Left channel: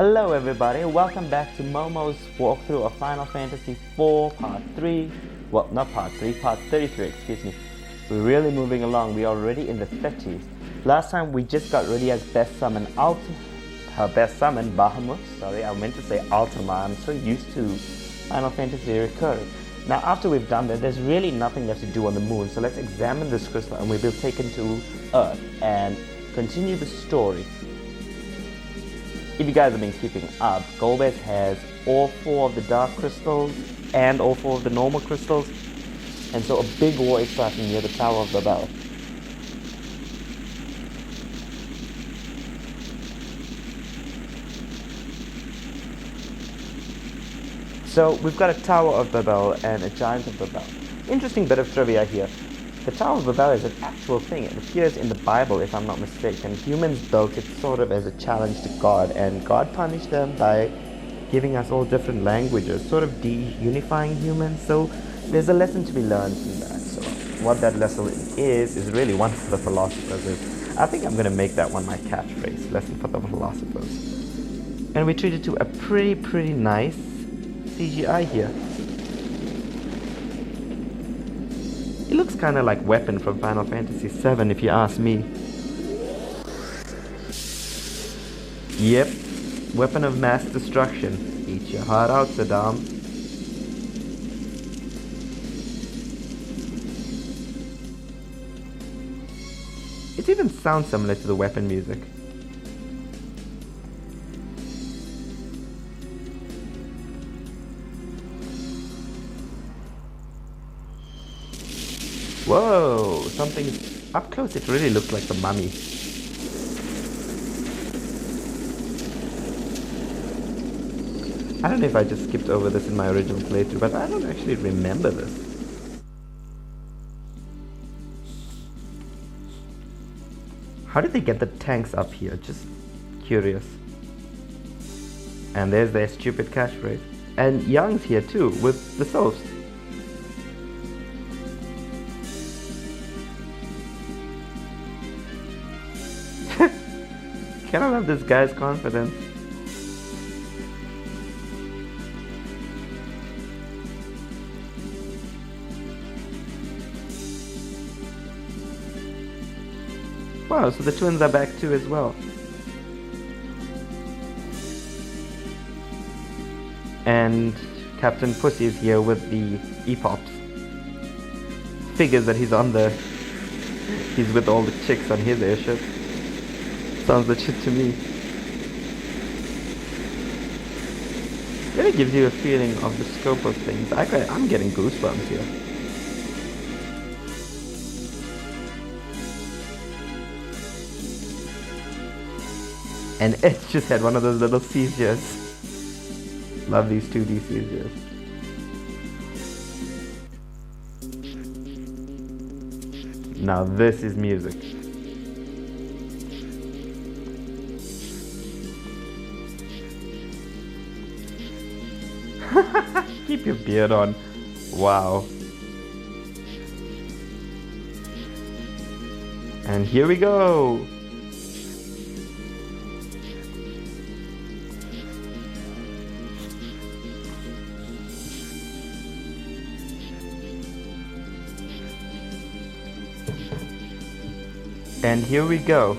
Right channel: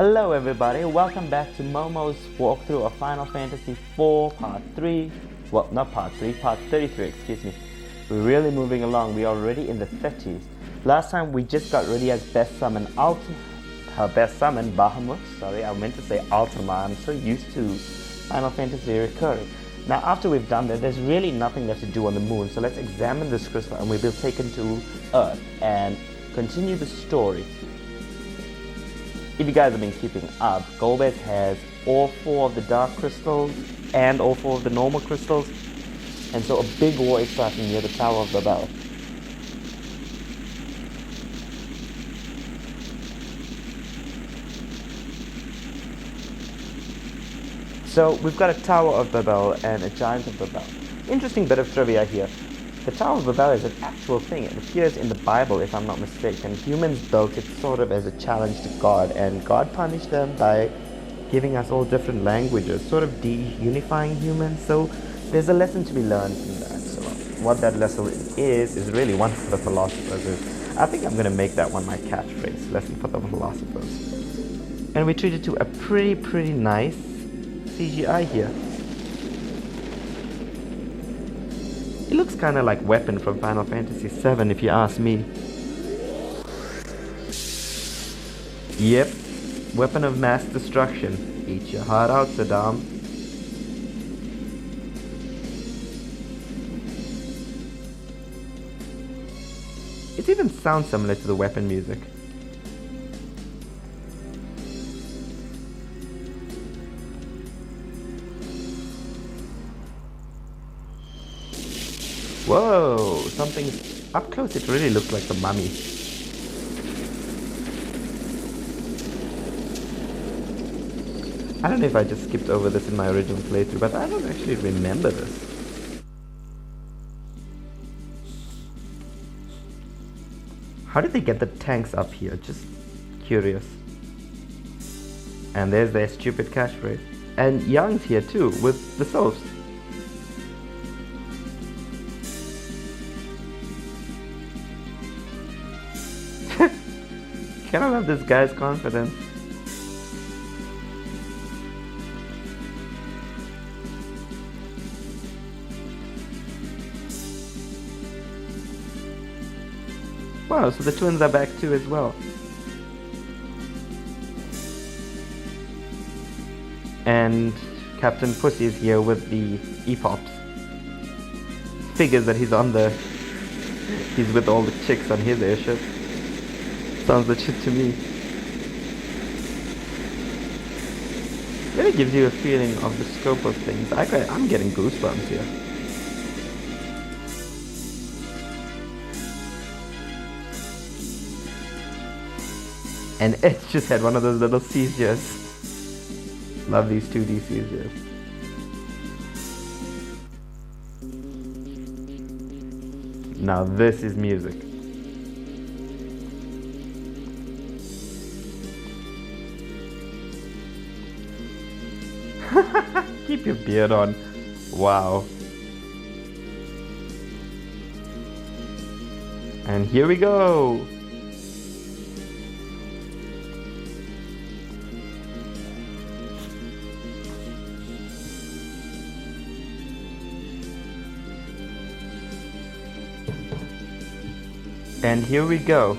Hello everybody, welcome back to Momo's walkthrough of Final Fantasy IV Part 3. Well, not Part 3, Part 33, excuse me. We're really moving along, we're already in the 30s. Last time we just got ready as Best Summon Bahamut. Sorry, I meant to say Ultima. I'm so used to Final Fantasy recurring. Now after we've done that, there's really nothing left to do on the moon, so let's examine this crystal and we'll be taken to Earth and continue the story. If you guys have been keeping up, Golbez has all 4 of the dark crystals and all 4 of the normal crystals, and so a big war is starting near the Tower of Babel. So we've got a Tower of Babel and a Giant of Babel. Interesting bit of trivia here. The Tower of Babel is an actual thing. It appears in the Bible, if I'm not mistaken. Humans built it sort of as a challenge to God, and God punished them by giving us all different languages, sort of de-unifying humans. So there's a lesson to be learned from that. So what that lesson is really one for the philosophers. I think I'm going to make that one my catchphrase, lesson for the philosophers. And we treated to a pretty nice CGI here. It looks kind of like Weapon from Final Fantasy VII, if you ask me. Yep, Weapon of Mass Destruction. Eat your heart out, Saddam. It even sounds similar to the Weapon music. Whoa, something's up close. It really looks like the mummy. I don't know if I just skipped over this in my original playthrough, but I don't actually remember this. How did they get the tanks up here? Just curious. And there's their stupid catchphrase. And Young's here too, with the souls. Can I love this guy's confidence? Wow, so the twins are back too as well. And Captain Pussy is here with the EPOPs. Figures that he's with all the chicks on his airship. Sounds legit to me. Really gives you a feeling of the scope of things. I'm getting goosebumps here. And it just had one of those little seizures. Love these 2D seizures. Now this is music. Keep your beard on. Wow. And here we go. And here we go.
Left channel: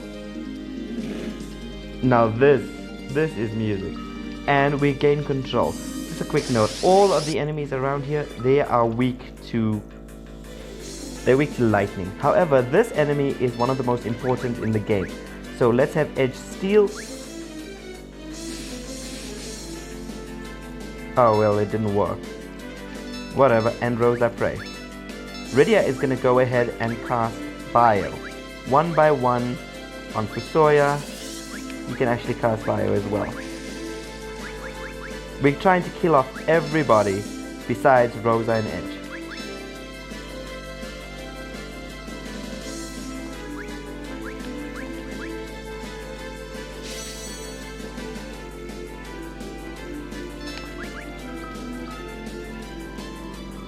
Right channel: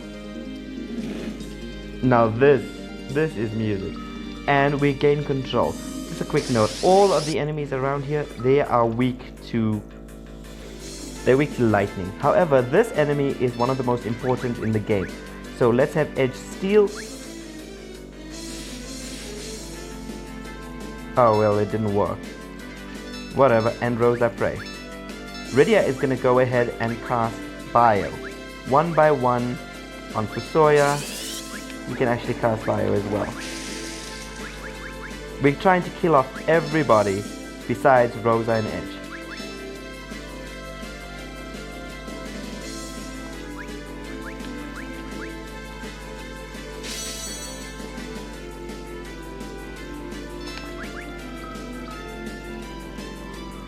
Now this is music. And we gain control. Just a quick note, all of the enemies around here, they are weak to lightning. However, this enemy is one of the most important in the game. So let's have Edge Steel. Oh well, it didn't work. Whatever, and Rosa Prey. Rydia is gonna go ahead and cast Bio. One by one on Fusoya. You can actually cast Bio as well. We're trying to kill off everybody besides Rosa and Edge.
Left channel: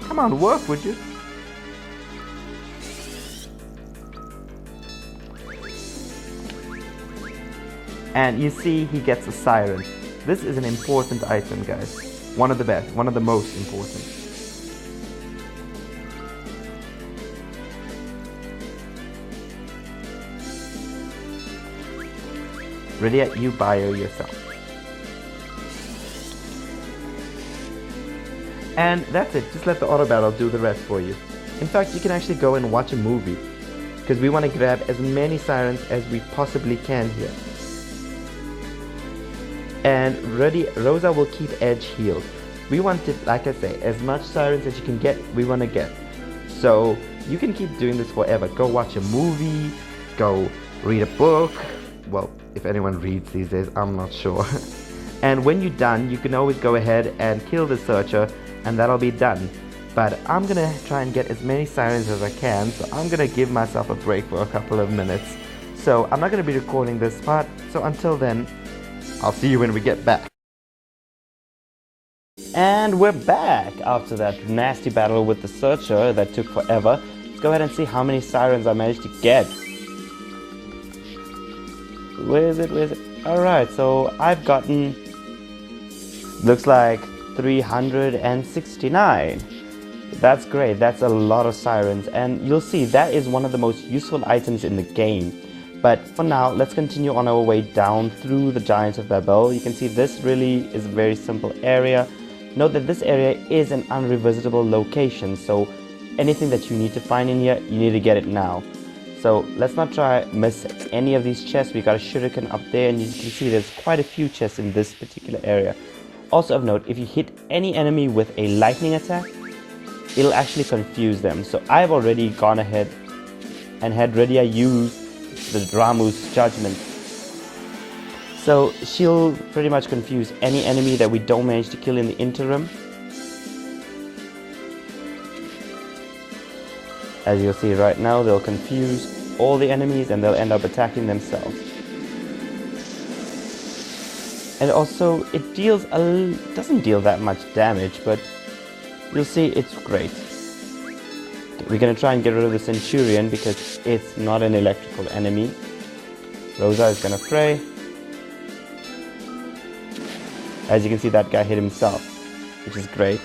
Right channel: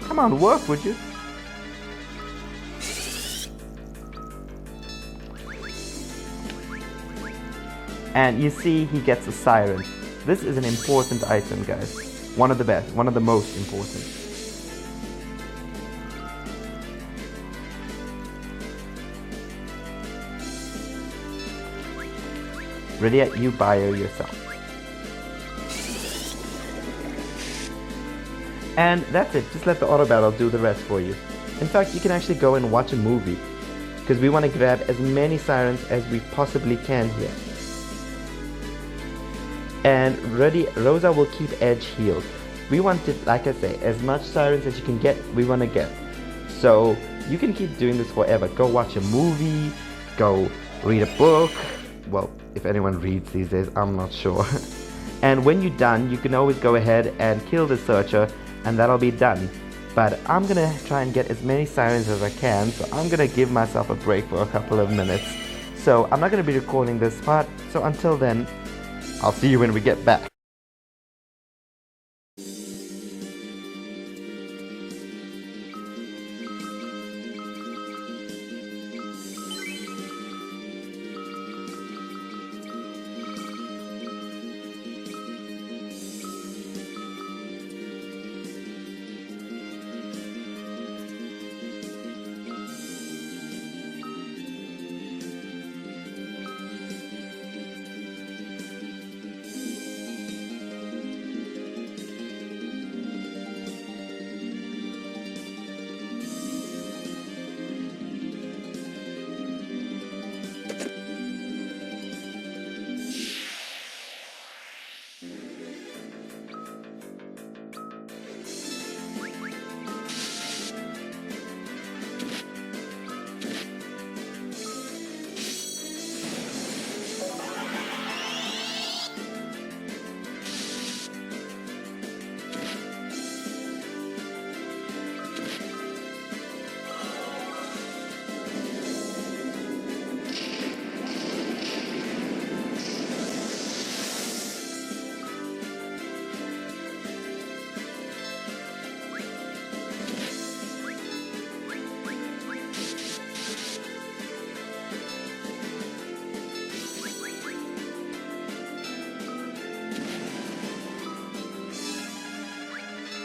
Come on, work, would you? And you see he gets a siren. This is an important item, guys. One of the best, one of the most important. Ready at you bio yourself. And that's it, just let the auto battle do the rest for you. In fact, you can actually go and watch a movie, because we want to grab as many sirens as we possibly can here. And Rosa will keep Edge healed. We want it, like I say, as much sirens as you can get, we want to get. So you can keep doing this forever. Go watch a movie, go read a book. Well, if anyone reads these days, I'm not sure. And when you're done, you can always go ahead and kill the searcher, and that'll be done. But I'm gonna try and get as many sirens as I can, so I'm gonna give myself a break for a couple of minutes. So I'm not gonna be recording this part, so until then, I'll see you when we get back. And we're back after that nasty battle with the searcher that took forever. Let's go ahead and see how many sirens I managed to get. Where is it? Where is it? Alright, so I've gotten, looks like 369. That's great, that's a lot of sirens, and you'll see that is one of the most useful items in the game. But for now, let's continue on our way down through the Giant of Babel. You can see this really is a very simple area. Note that this area is an unrevisitable location, so anything that you need to find in here, you need to get it now. So let's not try miss any of these chests. We got a shuriken up there, and you can see there's quite a few chests in this particular area. Also of note, if you hit any enemy with a lightning attack, it'll actually confuse them. So I've already gone ahead and had Redia use the Ramuh's judgment. So she'll pretty much confuse any enemy that we don't manage to kill in the interim. As you'll see right now, they'll confuse all the enemies and they'll end up attacking themselves. And also, it doesn't deal that much damage, but you'll see it's great. We're going to try and get rid of the Centurion because it's not an electrical enemy. Rosa is going to pray. As you can see, that guy hit himself, which is great.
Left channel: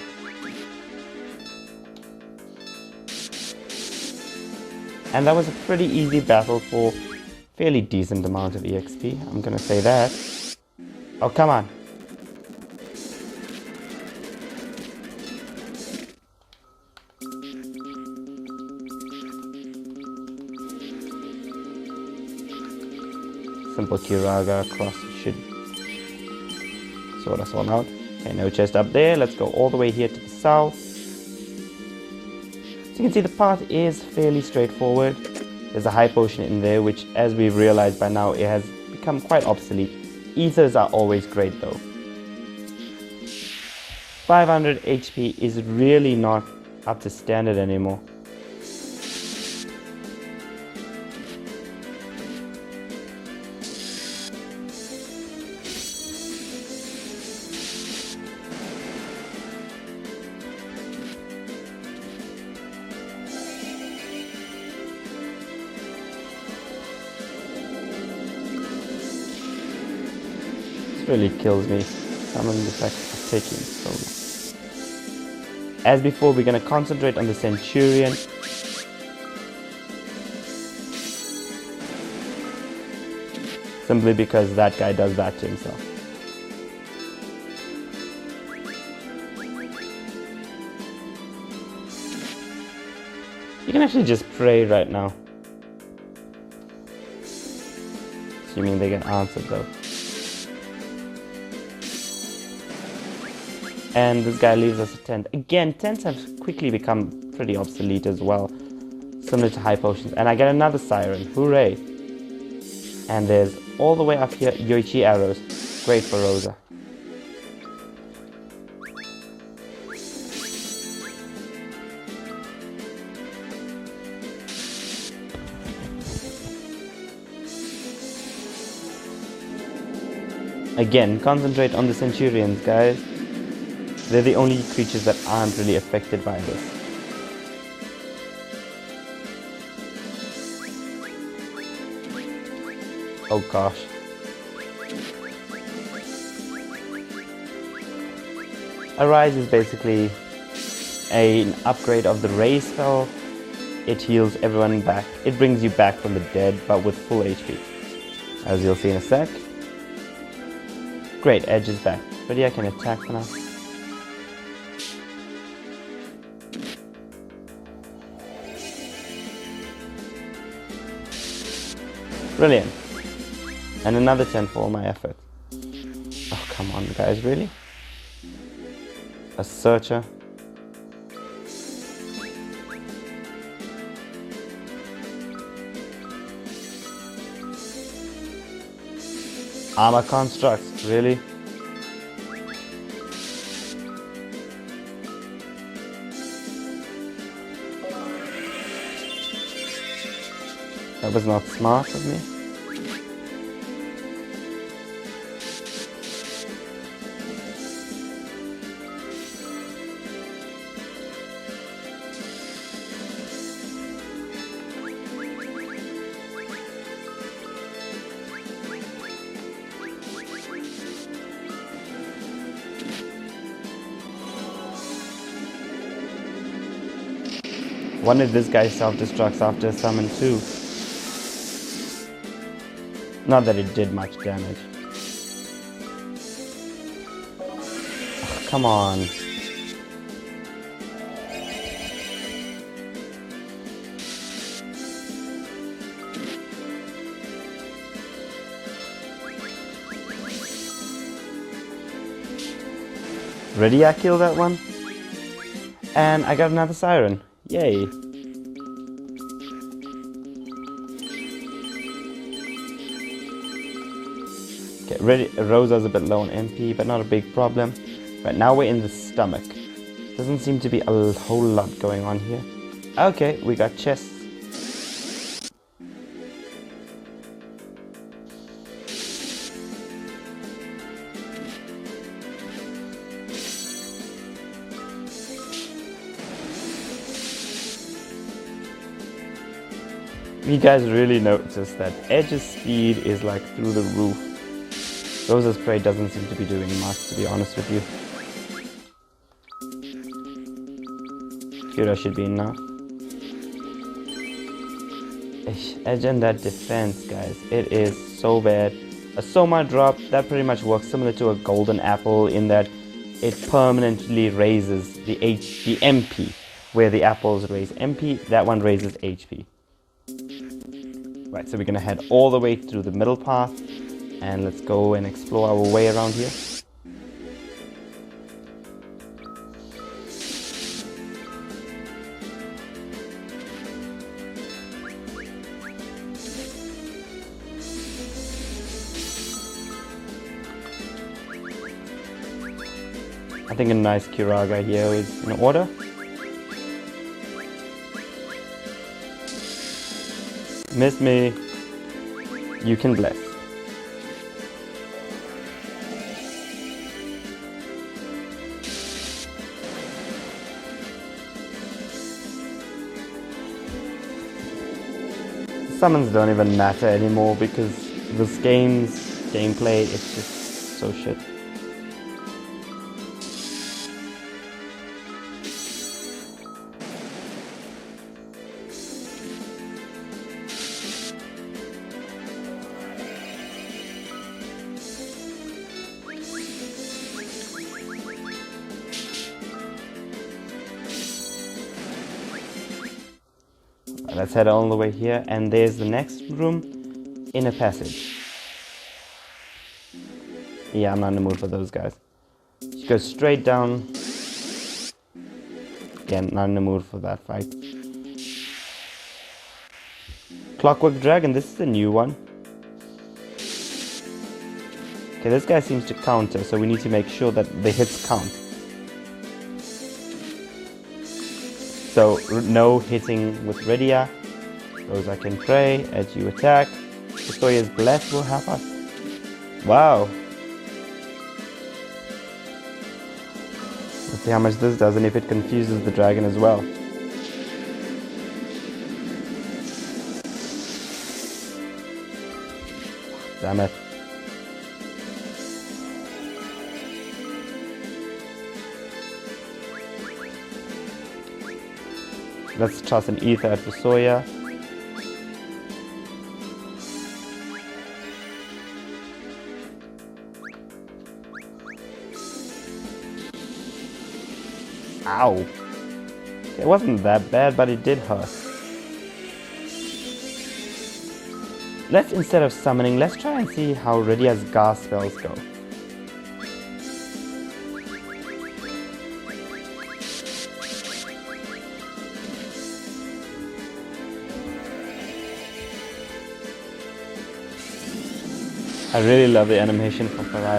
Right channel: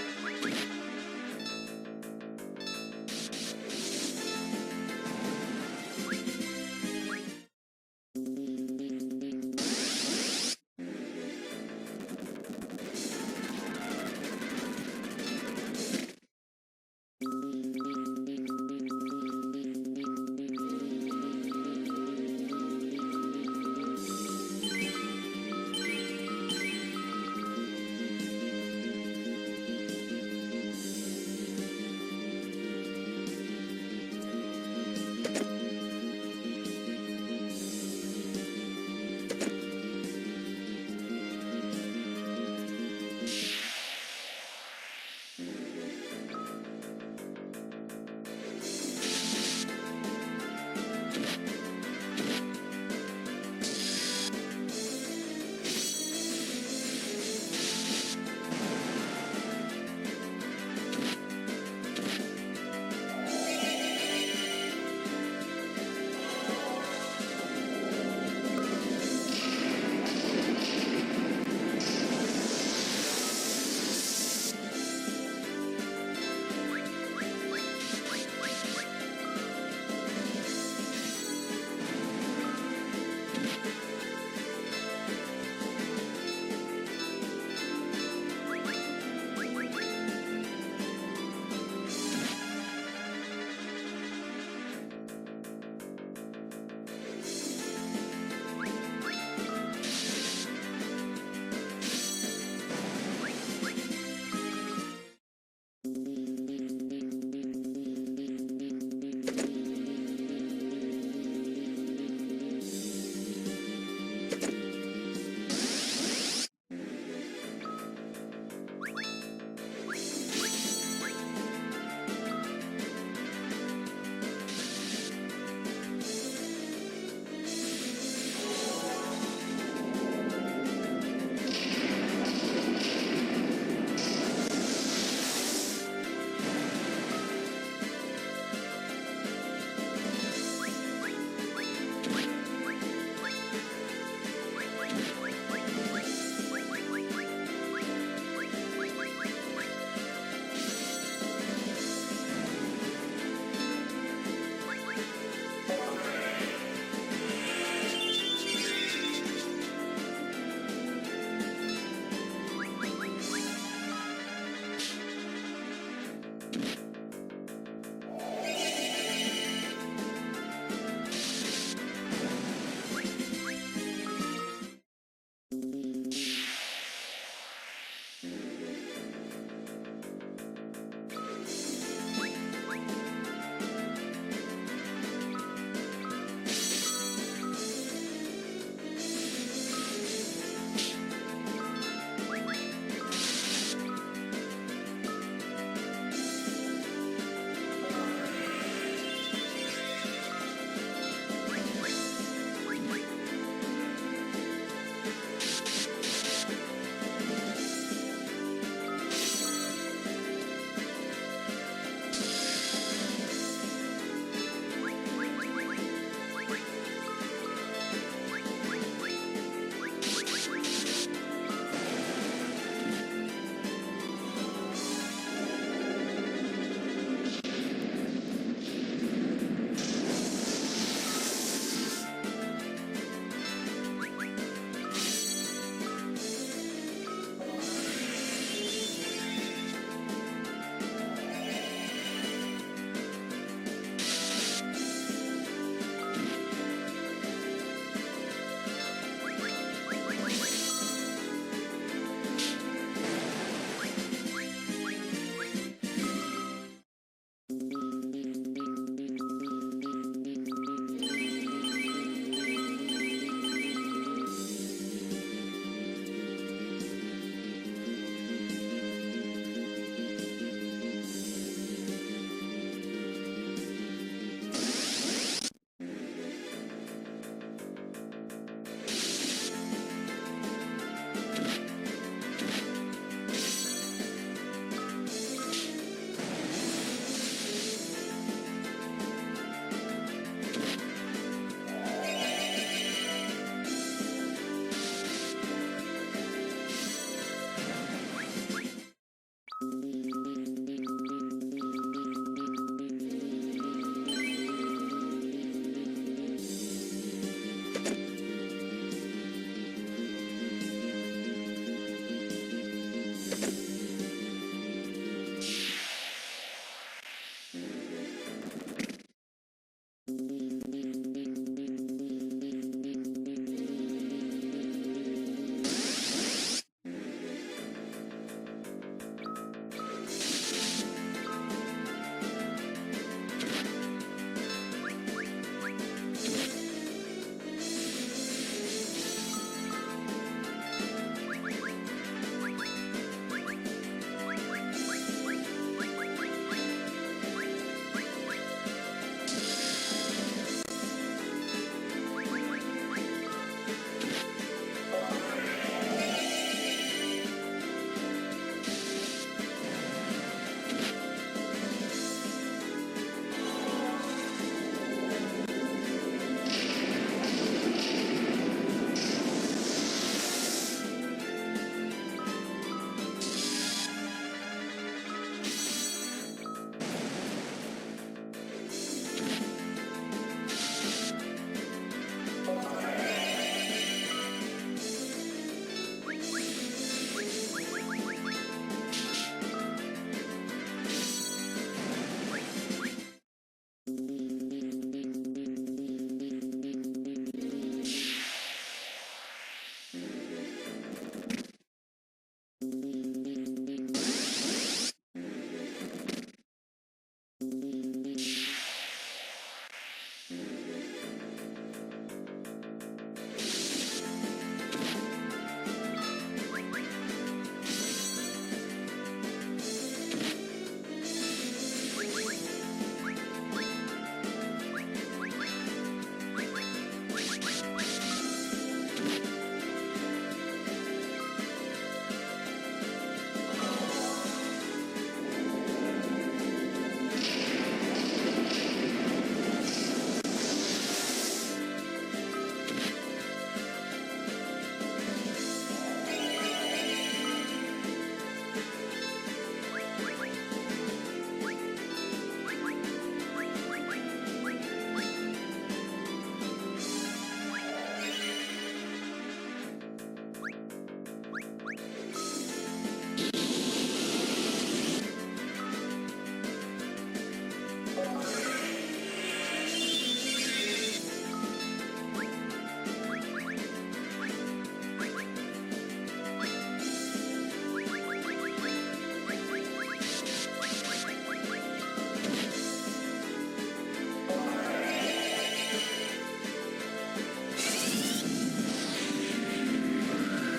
And that was a pretty easy battle for fairly decent amount of EXP, I'm going to say that. Oh, come on. Simple Kiraga across should sort us all out. Okay, no chest up there. Let's go all the way here to the south. So you can see the path is fairly straightforward. There's a high potion in there, which, as we've realized by now, it has become quite obsolete. Ethers are always great though. 500 HP is really not up to standard anymore. Really kills me. Some of these are taking so. As before, we're going to concentrate on the Centurion. Simply because that guy does that to himself. You can actually just pray right now. Assuming they get answered though. And this guy leaves us a tent. Again, tents have quickly become pretty obsolete as well. Similar to high potions. And I get another siren. Hooray. And there's all the way up here Yoichi arrows. Great for Rosa. Again, concentrate on the Centurions, guys. They're the only creatures that aren't really affected by this. Oh gosh. A rise is basically an upgrade of the raise spell. It heals everyone back. It brings you back from the dead, but with full HP. As you'll see in a sec. Great, Edge is back. But yeah, I can attack now. Brilliant. And another 10 for all my effort. Oh, come on, guys, really? A searcher. Armor constructs, really? That was not smart of me. Wonder if this guy self-destructs after summon too. Not that it did much damage. Oh, come on. Ready, I killed that one. And I got another siren. Yay. Okay, ready. Rosa's a bit low on MP, but not a big problem. Right, now we're in the stomach. Doesn't seem to be a whole lot going on here. Okay, we got chests. You guys really notice that Edge's speed is like through the roof. Rosa's Prey doesn't seem to be doing much, to be honest with you. Kira should be enough. Edge and that defense, guys, it is so bad. A Soma drop, that pretty much works similar to a golden apple in that it permanently raises the MP, where the apples raise MP, that one raises HP. Right, so we're gonna head all the way through the middle path and let's go and explore our way around here. I think a nice Kiraga here is in order. Miss me. You can bless. Summons don't even matter anymore because this game's gameplay is just so shit. Let's head all the way here, and there's the next room, inner passage. Yeah, I'm not in the mood for those guys. Just go straight down. Again, not in the mood for that fight. Clockwork Dragon, this is the new one. Okay, this guy seems to counter, so we need to make sure that the hits count. So, no hitting with Redia. Rosa can pray, as you attack. Victoria's Bless will help us. Wow. Let's see how much this does and if it confuses the dragon as well. Damn it. Let's toss an ether at the Sawyer. Ow. It wasn't that bad, but it did hurt. Let's, instead of summoning, let's try and see how Rydia's gas spells go. I really love the animation from Fire.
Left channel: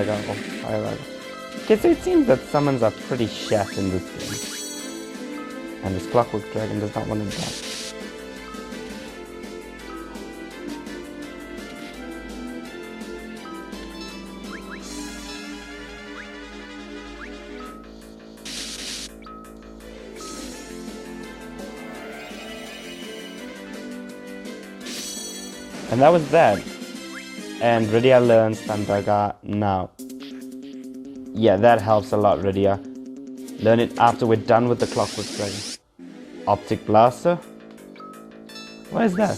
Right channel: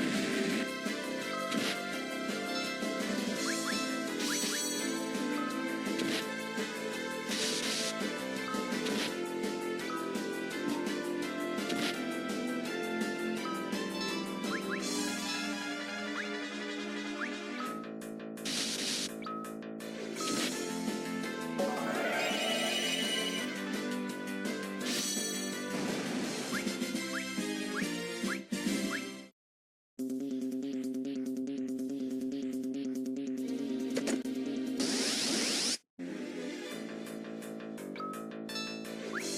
Okay, so it seems that summons are pretty shaft in this game. And this Clockwork Dragon does not want to die. And that was that. And Rydia learns Sandaga now. Yeah, that helps a lot, Rydia. Learn it after we're done with the Clockwork Dragon. Optic Blaster? What is that?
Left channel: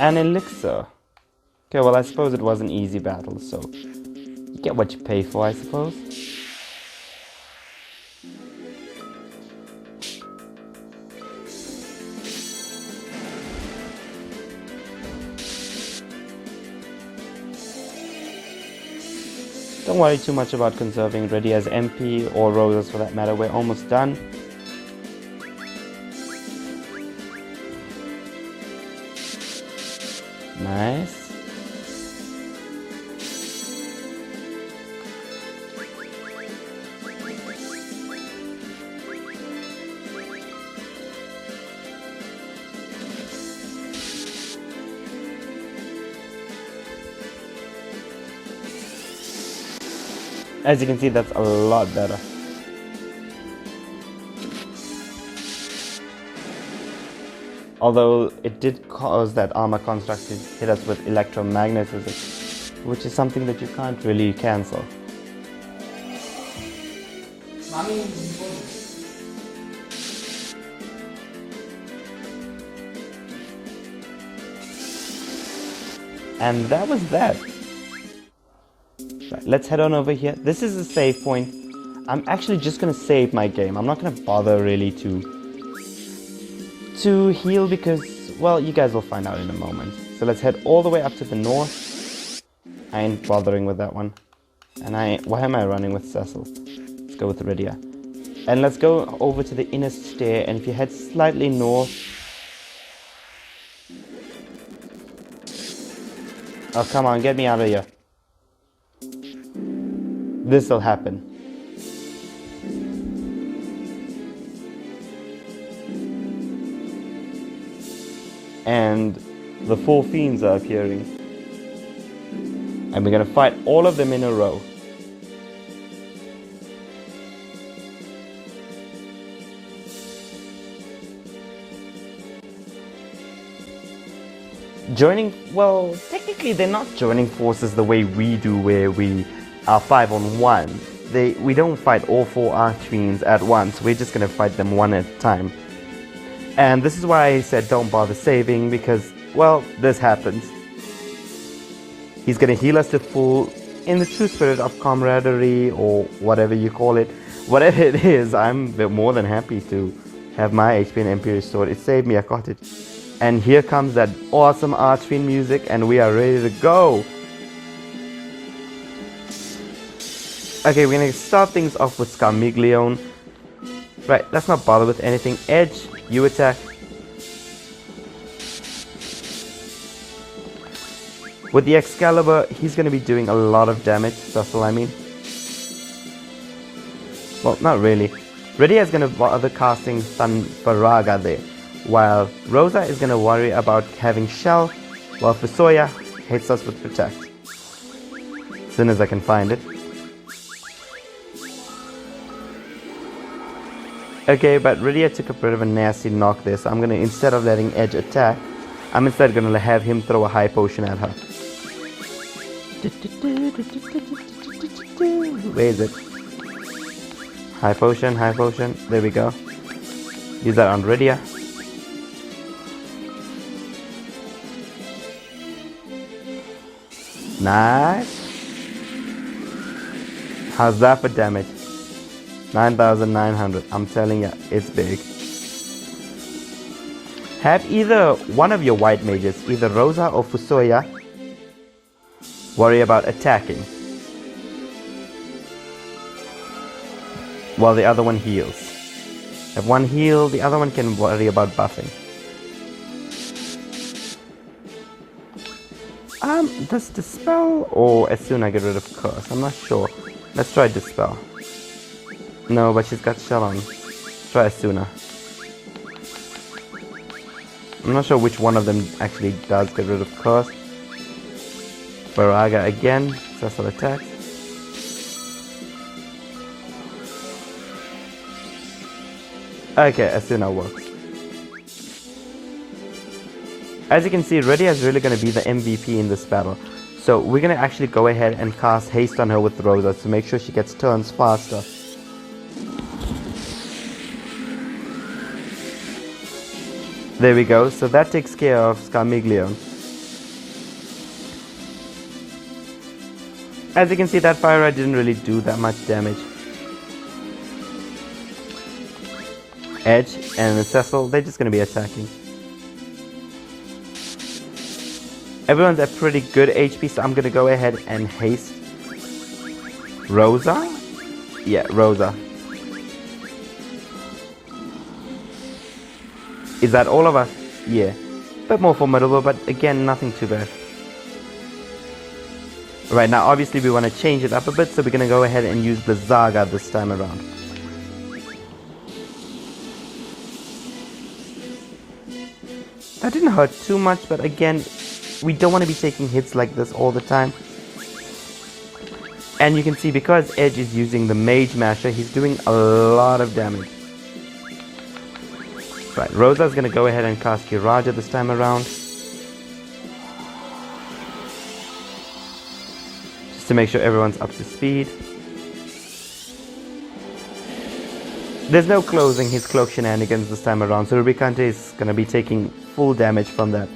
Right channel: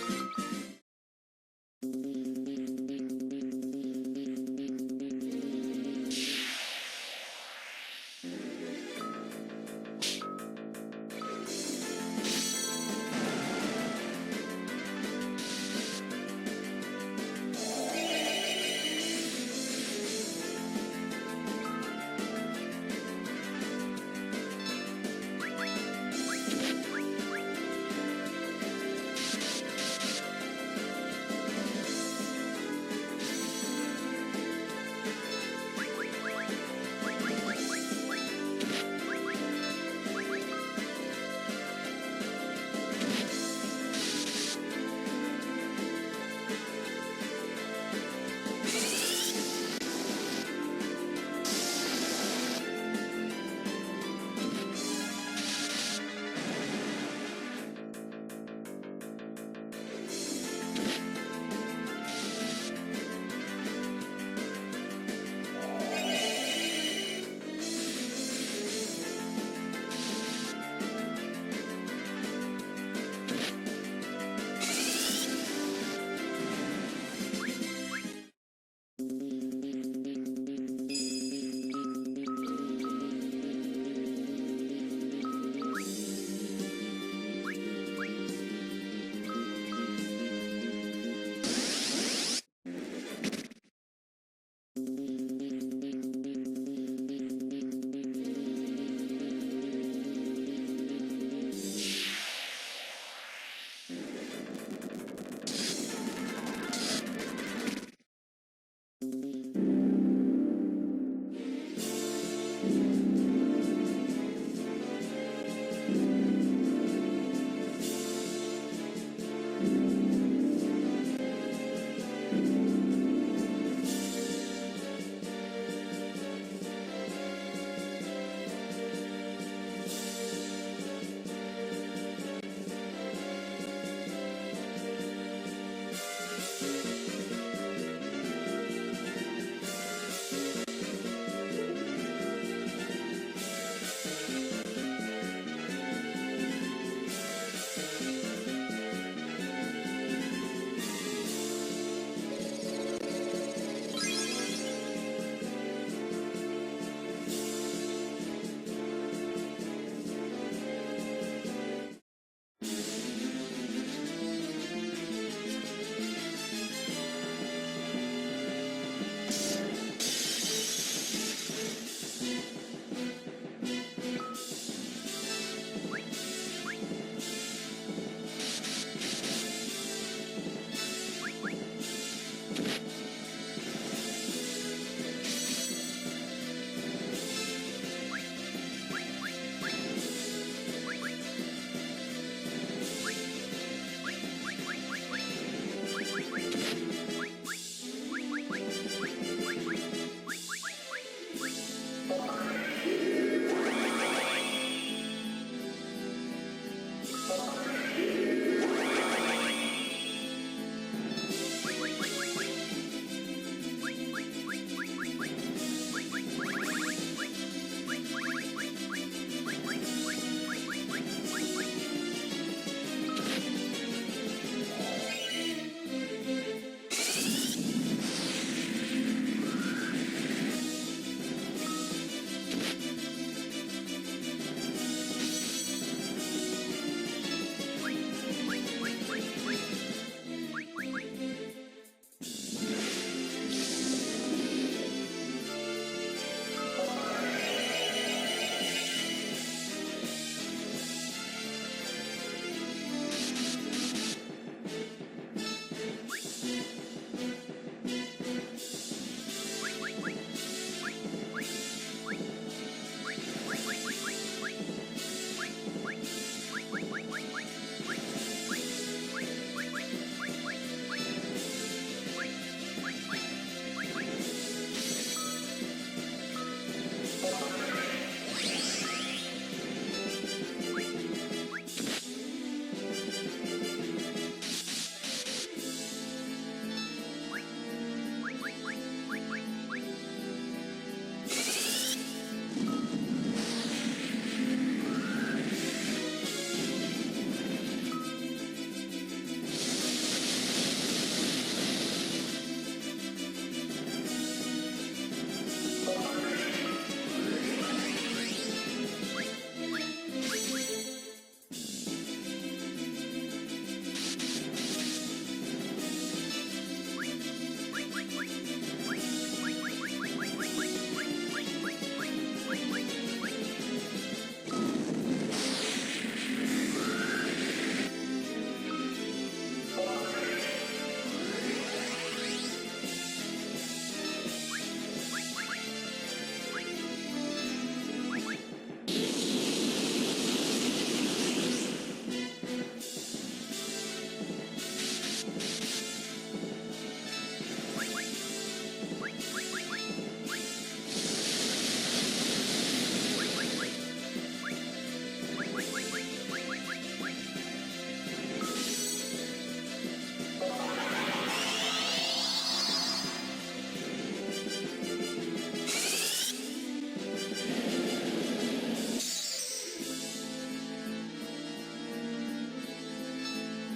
An elixir. Okay, well I suppose it was an easy battle, so you get what you pay for, I suppose. Don't worry too much about conserving Rydia's MP or roses for that matter, we're almost done. Nice. As you can see, that's a lot better. Although it did cause that armor construct to hit us with electromagnetism, which is something that you can't really cancel. And that was that. Right, let's head on over here. This is a save point. I'm actually just gonna save my game. I'm not gonna bother really to heal because, well, you guys will find out in a moment. So let's head all the way up to the north. I ain't bothering with that one. And why am I running with Cecil? Let's go with Rydia. And let's go over to the inner stair, and if you head slightly north. Oh, come on, get me out of here. This'll happen. And the 4 fiends are appearing. And we're gonna fight all of them in a row. Well, technically they're not joining forces the way we do, where we are 5-on-1. We don't fight all 4 archfiends at once. We're just gonna fight them one at a time. And this is why I said don't bother saving, because, well, this happens. He's gonna heal us to full in the true spirit of camaraderie, or whatever you call it. Whatever it is, I'm more than happy to have my HP and Imperial Sword. It saved me, I got it. And here comes that awesome Archfiend music, and we are ready to go. Okay, we're gonna start things off with Scarmiglione. Right, let's not bother with anything. Edge, you attack. With the Excalibur, he's gonna be doing a lot of damage, Cecil, I mean. Well, not really. Rydia is going to bother casting Sunbaraga there, while Rosa is going to worry about having Shell, while Fusoya hits us with Protect. As soon as I can find it. Okay, but Rydia took a bit of a nasty knock there, so I'm going to, instead of letting Edge attack, I'm instead going to have him throw a high potion at her. Where is it? High potion, there we go. Use that on Rydia. Nice. How's that for damage? 9,900. I'm telling you, it's big. Have either one of your white mages, either Rosa or Fusoya, worry about attacking, while the other one heals. If one heals, the other one can worry about buffing. Does Dispel or as soon I get rid of Curse? I'm not sure. Let's try Dispel. No, but she's got Shell on. Try Asuna. I'm not sure which one of them actually does get rid of Curse. Baraga again, successful attack. Okay, Asuna works. As you can see, Rydia is really going to be the MVP in this battle. So we're going to actually go ahead and cast Haste on her with Rosa to make sure she gets turns faster. There we go, so that takes care of Scarmiglio. As you can see, that Fire Ride didn't really do that much damage. Edge and Cecil, they're just going to be attacking. Everyone's at pretty good HP, so I'm going to go ahead and haste Rosa? Yeah, Rosa. Is that all of us? Yeah. A bit more formidable, but again, nothing too bad. Right, now obviously we want to change it up a bit, so we're going to go ahead and use the Zaga this time around. That didn't hurt too much, but again, we don't want to be taking hits like this all the time. And you can see, because Edge is using the Mage Masher, he's doing a lot of damage. Right, Rosa's going to go ahead and cast Kiraja this time around. Just to make sure everyone's up to speed. There's no closing his cloak shenanigans this time around, so Rubicante is going to be taking full damage from that.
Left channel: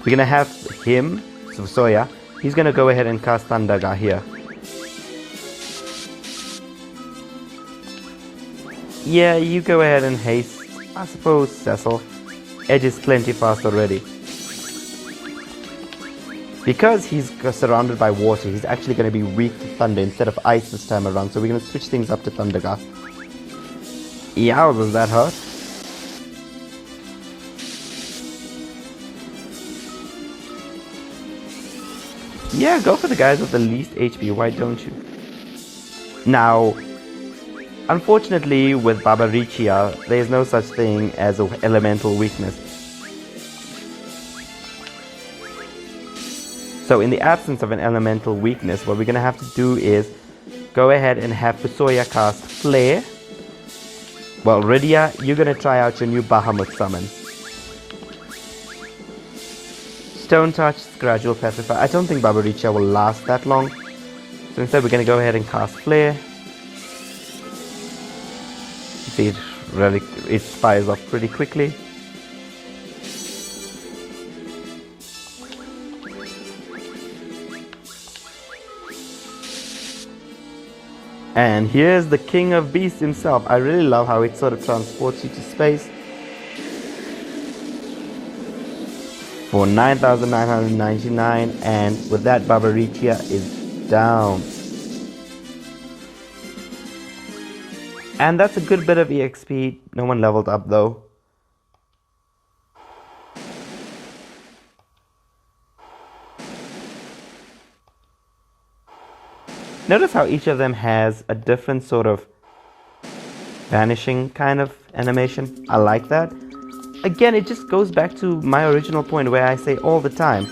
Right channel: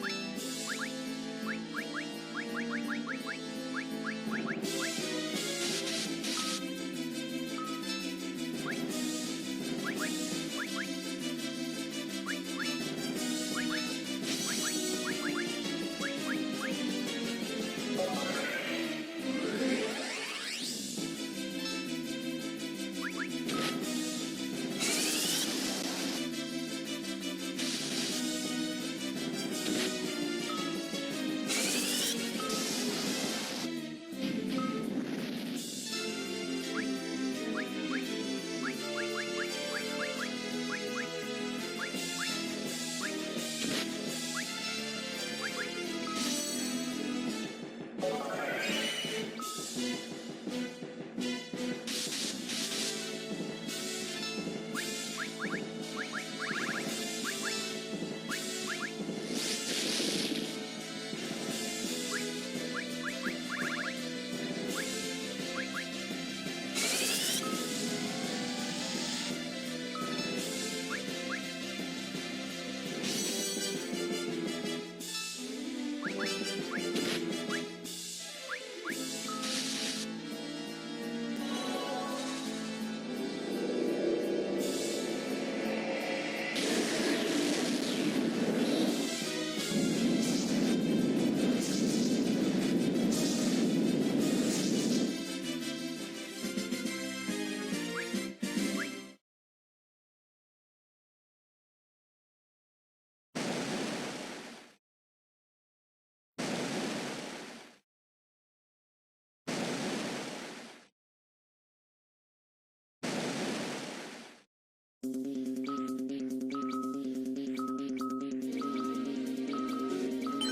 We're going to have him, Soya, he's going to go ahead and cast Thundaga here. Yeah, you go ahead and haste. I suppose Cecil. Edge is plenty fast already. Because he's surrounded by water, he's actually going to be weak to thunder instead of ice this time around, so we're going to switch things up to Thundaga. Yeah, does that hurt? Yeah, go for the guys with the least HP, why don't you? Now, unfortunately with Babarichia, there is no such thing as an elemental weakness. So in the absence of an elemental weakness, what we're going to have to do is go ahead and have Fusoya cast Flare. Well, Rydia, you're going to try out your new Bahamut summon. Stone Touch, Gradual Petrify. I don't think Babarichia will last that long. So instead we're going to go ahead and cast Flare. See, it fires off pretty quickly. And here's the King of Beasts himself. I really love how it sort of transports you to space. For 9,999, and with that, Babarichia is down. And that's a good bit of EXP. No one leveled up though. Notice how each of them has a different sort of vanishing kind of animation. I like that. Again, it just goes back to my original point where I say all the time,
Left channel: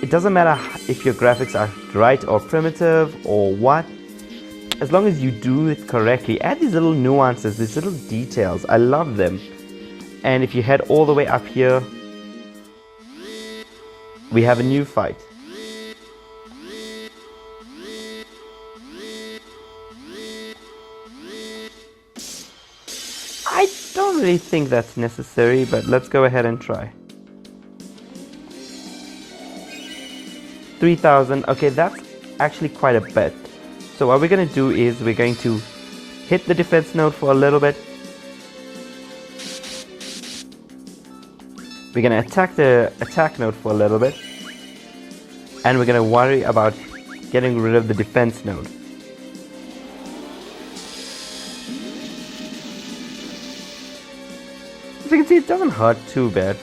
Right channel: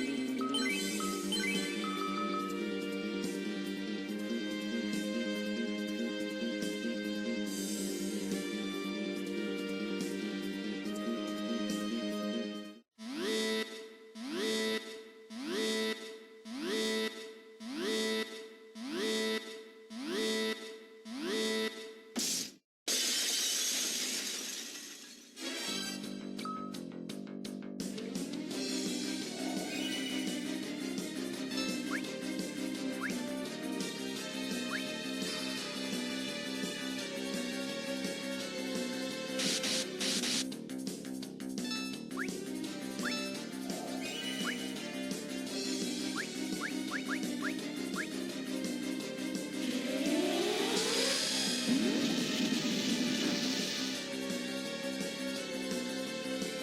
it doesn't matter if your graphics are right or primitive or what, as long as you do it correctly. Add these little nuances, these little details. I love them. And if you head all the way up here, we have a new fight. I don't really think that's necessary, but let's go ahead and try. 3,000. Okay, that's actually quite a bit. So what we're going to do is we're going to hit the defense node for a little bit. We're going to attack the attack node for a little bit. And we're going to worry about getting rid of the defense node. As you can see, it doesn't hurt too bad.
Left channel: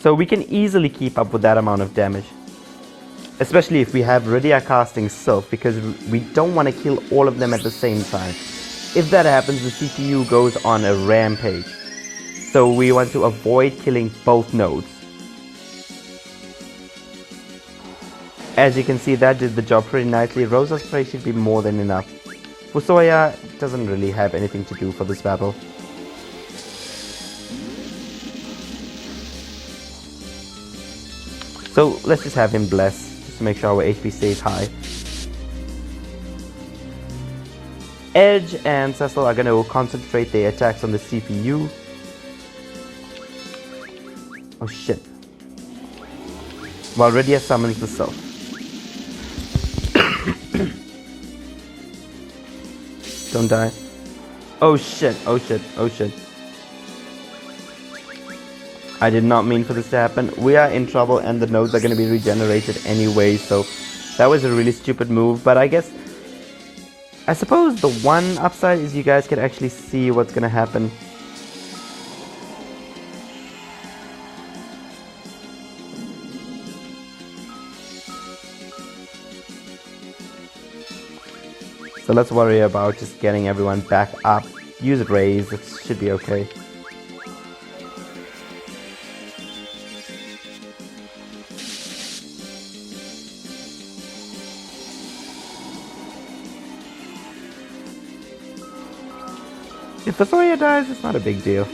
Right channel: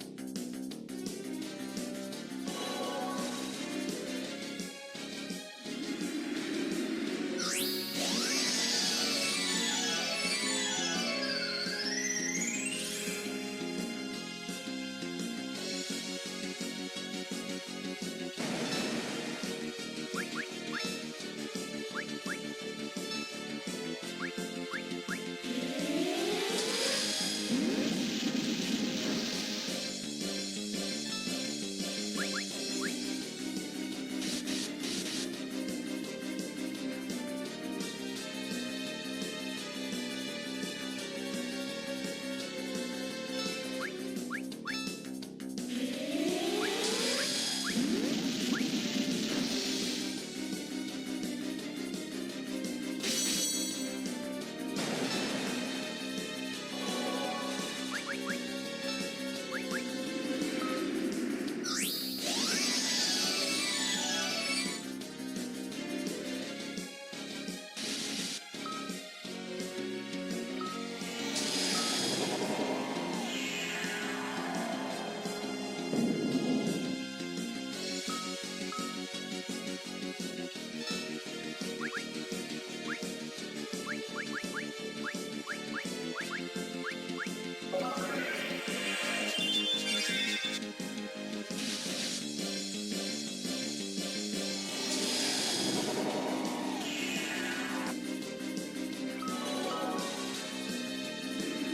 So we can easily keep up with that amount of damage. Especially if we have Rydia casting Sylph, because we don't want to kill all of them at the same time. If that happens, the CPU goes on a rampage. So we want to avoid killing both nodes. As you can see, that did the job pretty nicely. Rosa's spray should be more than enough. Fusoya doesn't really have anything to do for this battle. So let's just have him bless to make sure our HP stays high. Edge and Cecil are going to concentrate their attacks on the CPU. Oh shit. While Rydia summons the Sylph. Don't die. Oh shit, oh shit, oh shit. I did not mean for this to happen. We are in trouble and the nodes are going to be regenerated anyway, so that was a really stupid move, but I suppose the one upside is you guys can actually see what's going to happen. So let's worry about just getting everyone back up. Use Raise, it should be okay. If the Thoria dies, it's not a big deal.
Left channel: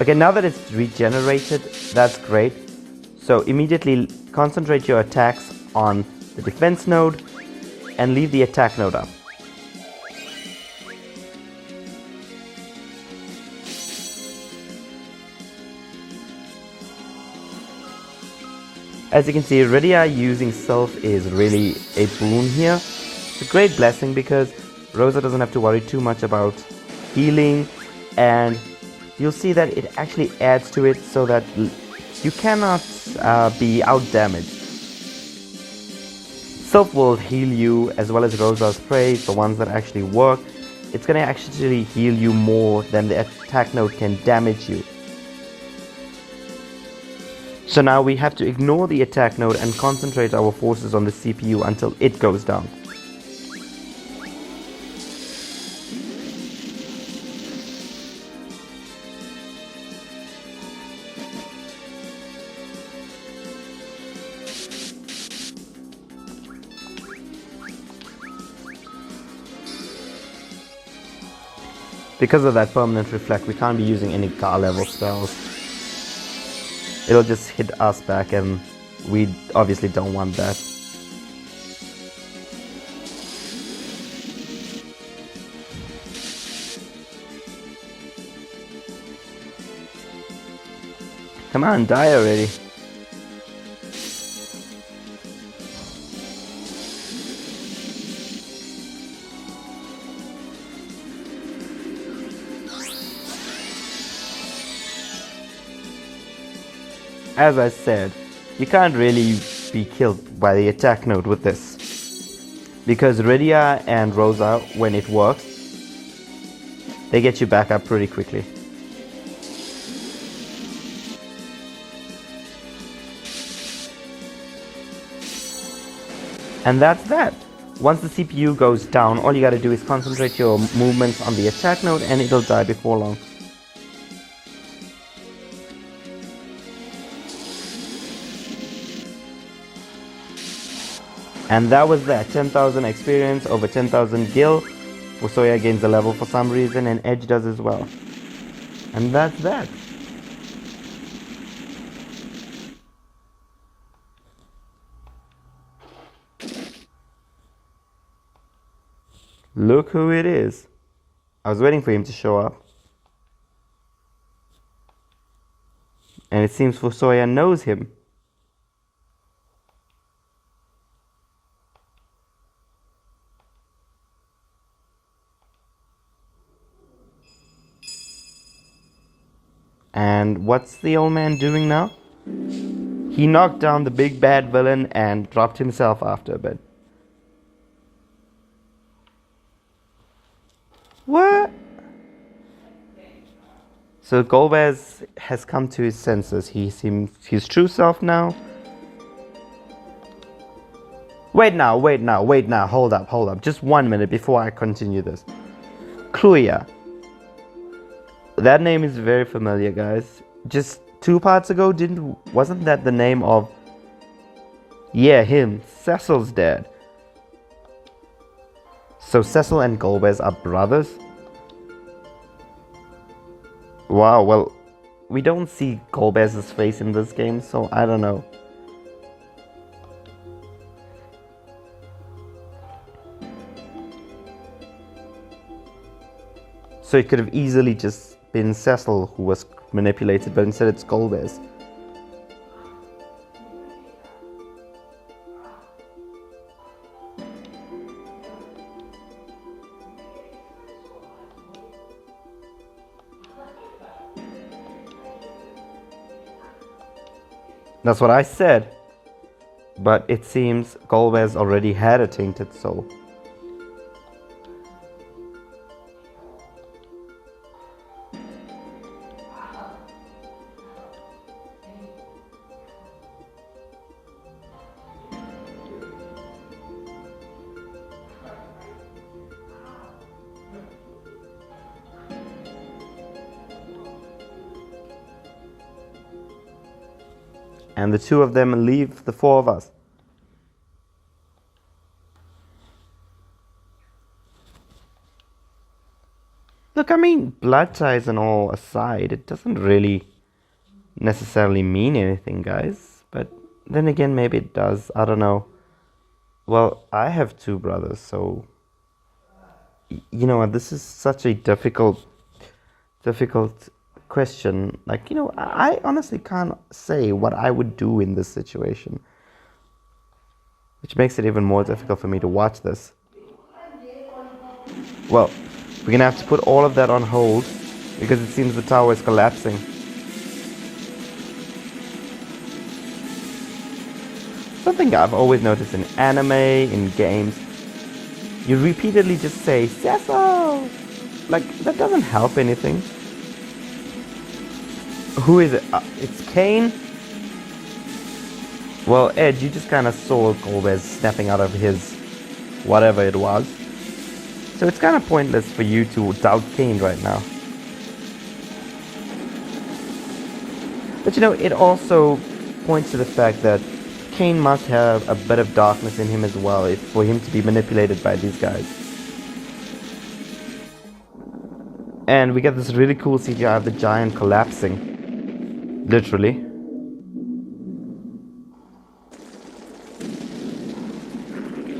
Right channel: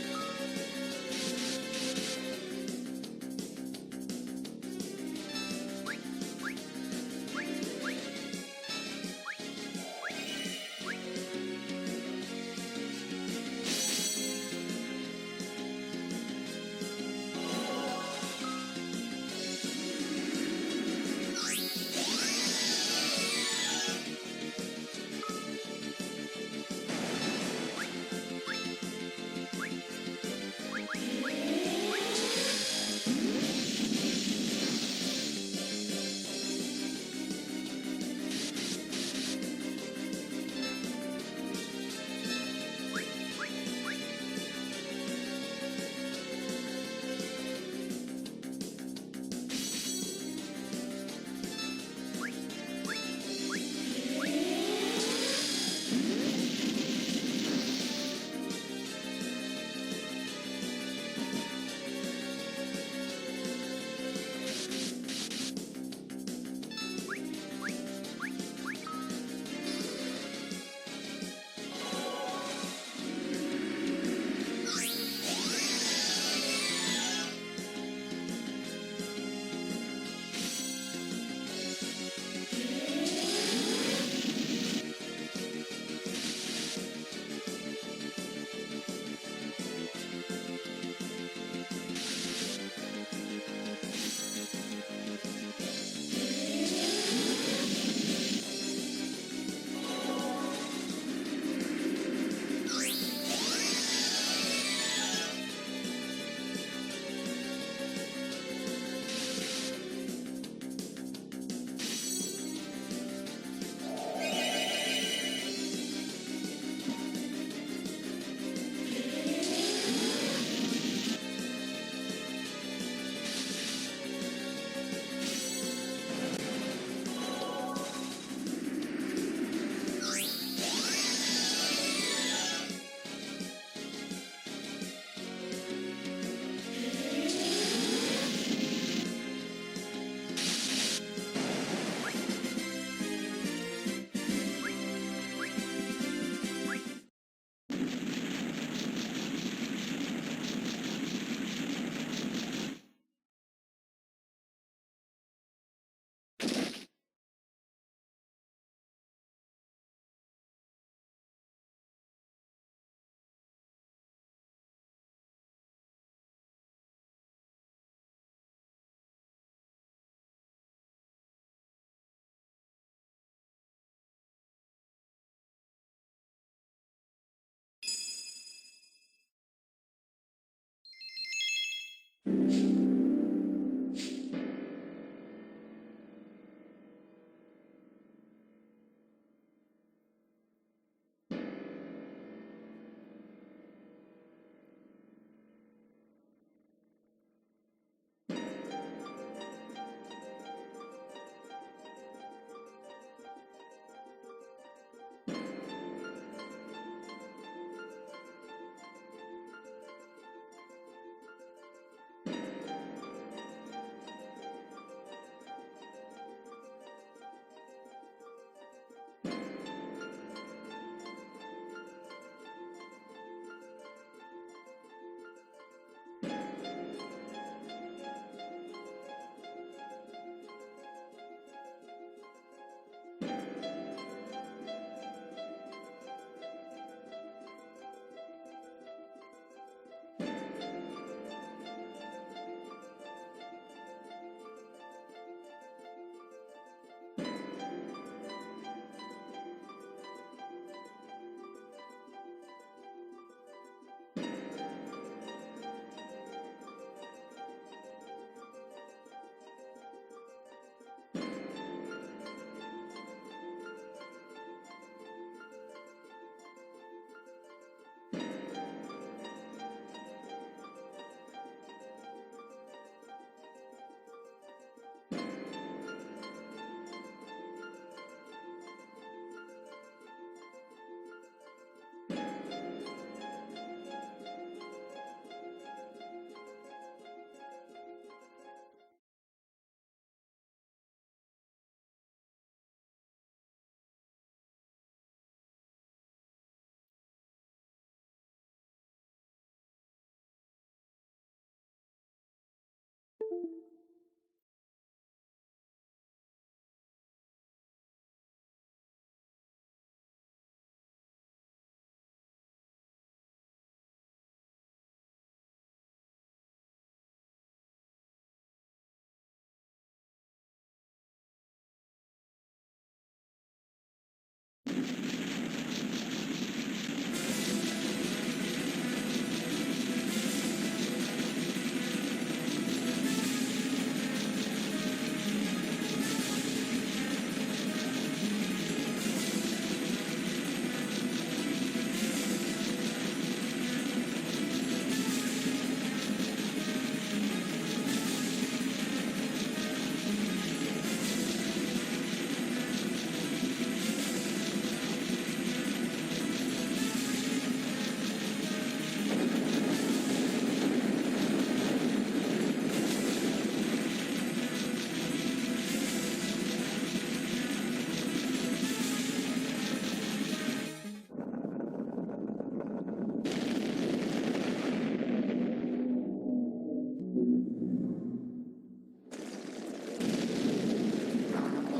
Okay, now that it's regenerated, that's great. So immediately concentrate your attacks on the defense node and leave the attack node up. As you can see, Rydia using Sylph is really a boon here. It's a great blessing because Rosa doesn't have to worry too much about healing, and you'll see that it actually adds to it so that you cannot be out-damaged. Sylph will heal you as well as Rosa's Spray, the ones that actually work. It's going to actually heal you more than the attack node can damage you. So now we have to ignore the attack node and concentrate our forces on the CPU until it goes down. Because of that permanent reflect, we can't be using any car level spells. It'll just hit us back, and we obviously don't want that. Come on, die already. As I said, you can't really be killed by the attack node with this. Because Rydia and Rosa, when it works, they get you back up pretty quickly. And that's that. Once the CPU goes down, all you gotta do is concentrate your movements on the attack node and it'll die before long. And that was that. 10,000 experience over 10,000 gil. Fusoya gains a level for some reason and Edge does as well. And that's that. Look who it is. I was waiting for him to show up. And it seems Fusoya knows him. And what's the old man doing now? He knocked down the big bad villain and dropped himself after a bit. What? So Golbez has come to his senses. He seems his true self now. Wait now, hold up. Just 1 minute before I continue this. Kluya. That name is very familiar, guys. Just 2 parts ago, wasn't that the name of... Yeah, him. Cecil's dad. So Cecil and Golbez are brothers? Wow, well, we don't see Golbez's face in this game, so I don't know. So it could have easily just been Cecil who was manipulated, but instead it's Golbez. That's what I said. But it seems Golbez already had a tainted soul. And the 2 of them leave the 4 of us. Look, I mean, blood ties and all aside, it doesn't really necessarily mean anything, guys. But then again, maybe it does. I don't know. Well, I have 2 brothers, so... You know what, this is such a difficult question. Like, you know, I honestly can't say what I would do in this situation, which makes it even more difficult for me to watch this. Well, we're gonna have to put all of that on hold because it seems the tower is collapsing. Something I've always noticed in anime, in games, you repeatedly just say Cecil. Like, that doesn't help anything. Who is it? It's Kane? Well, Ed, you just kind of saw Golbez snapping out of his whatever it was. So it's kind of pointless for you to doubt Kane right now. But you know, it also points to the fact that Kane must have a bit of darkness in him as well for him to be manipulated by these guys. And we get this really cool CGI of the giant collapsing. Literally.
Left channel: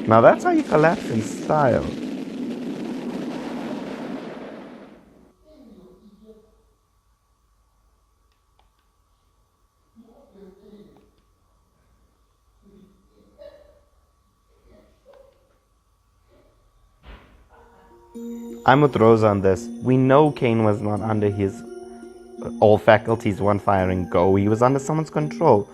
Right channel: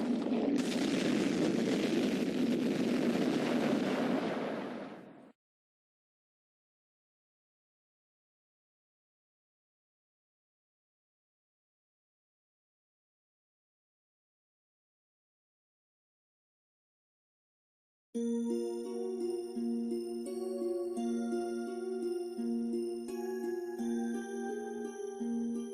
Now that's how you collapse in style. I'm with Rosa on this. We know Kane was not under his all faculties one firing go. He was under someone's control.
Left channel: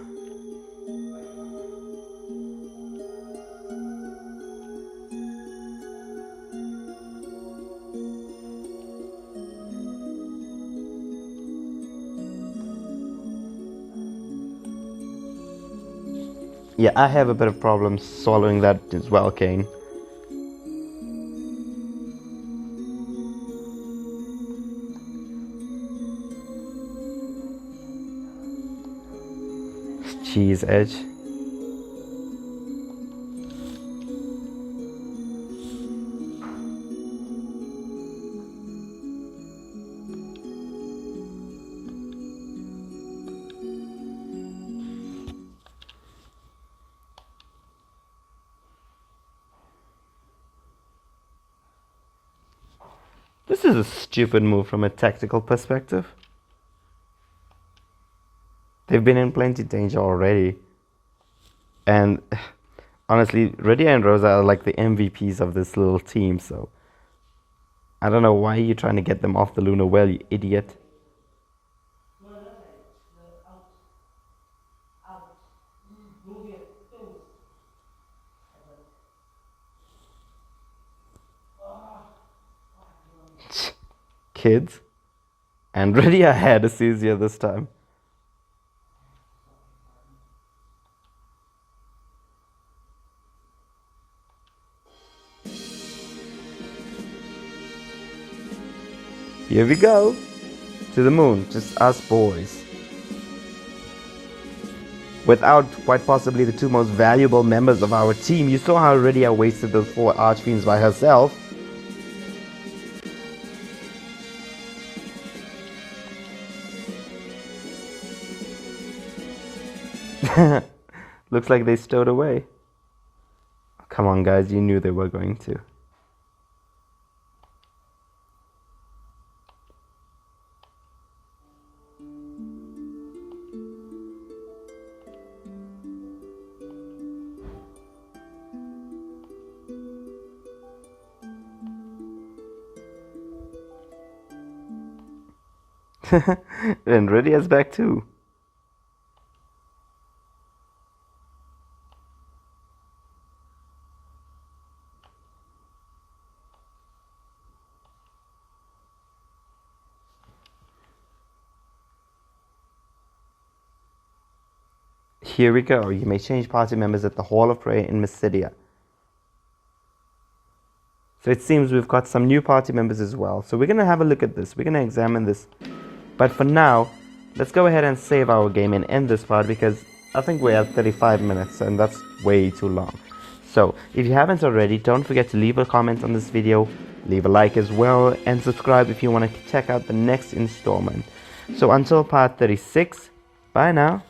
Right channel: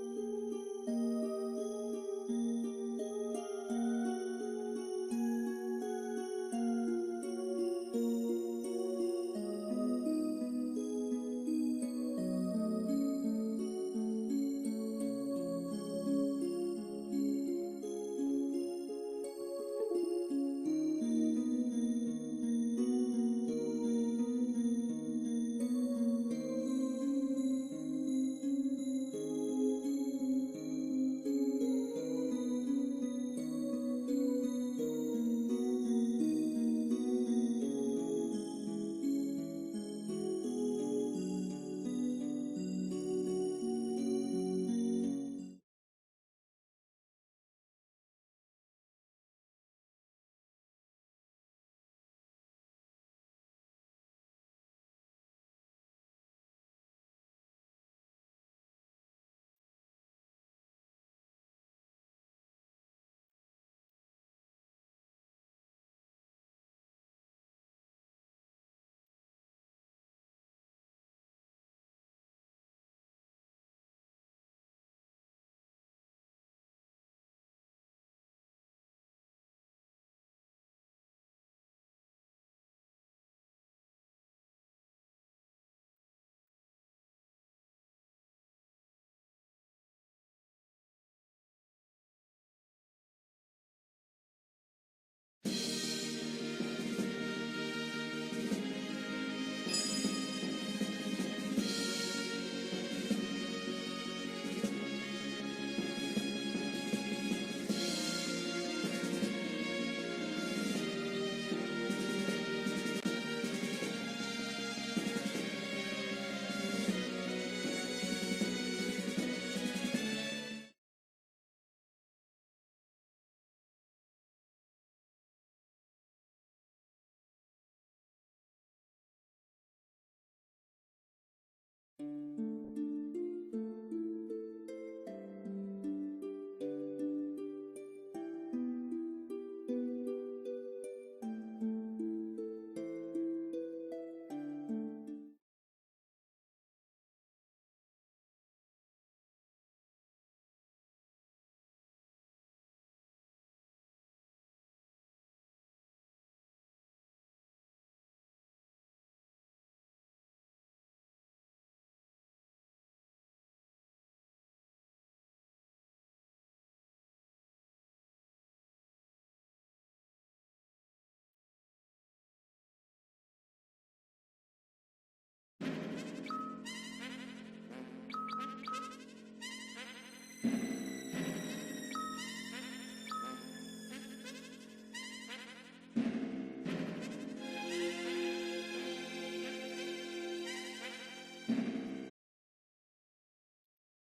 Yeah, I have a bit of problems swallowing that as well, Kane. Cheese edge. This is a stupid move from a tactical perspective. They've been in plenty danger already. And honestly, Rydia and Rosa are like the MVPs of this little team, so I don't know why you're trying to get them off the Lunar Well, you idiot. Kids. And Rydia had a seizure this time. Here we go. To the moon, just us boys. Without quite possibly the two most valuable members of our team. You saw how Rydia wasted those 4 Archfiends by herself. Looks like they stowed away. Come on, guys, you knew they were going to. And Rydia's back too. Here we go. You may change party members at the Hall of Prayer in Mysidia. So it seems we've got some new party members as well. So we're going to have a look at this. We're going to examine this. But for now, let's go ahead and save our game and end this part because I think we're at 35 minutes and that's way too long. So if you haven't already, don't forget to leave a comment on this video, leave a like as well, and subscribe if you want to check out the next installment. So until part 36, bye now.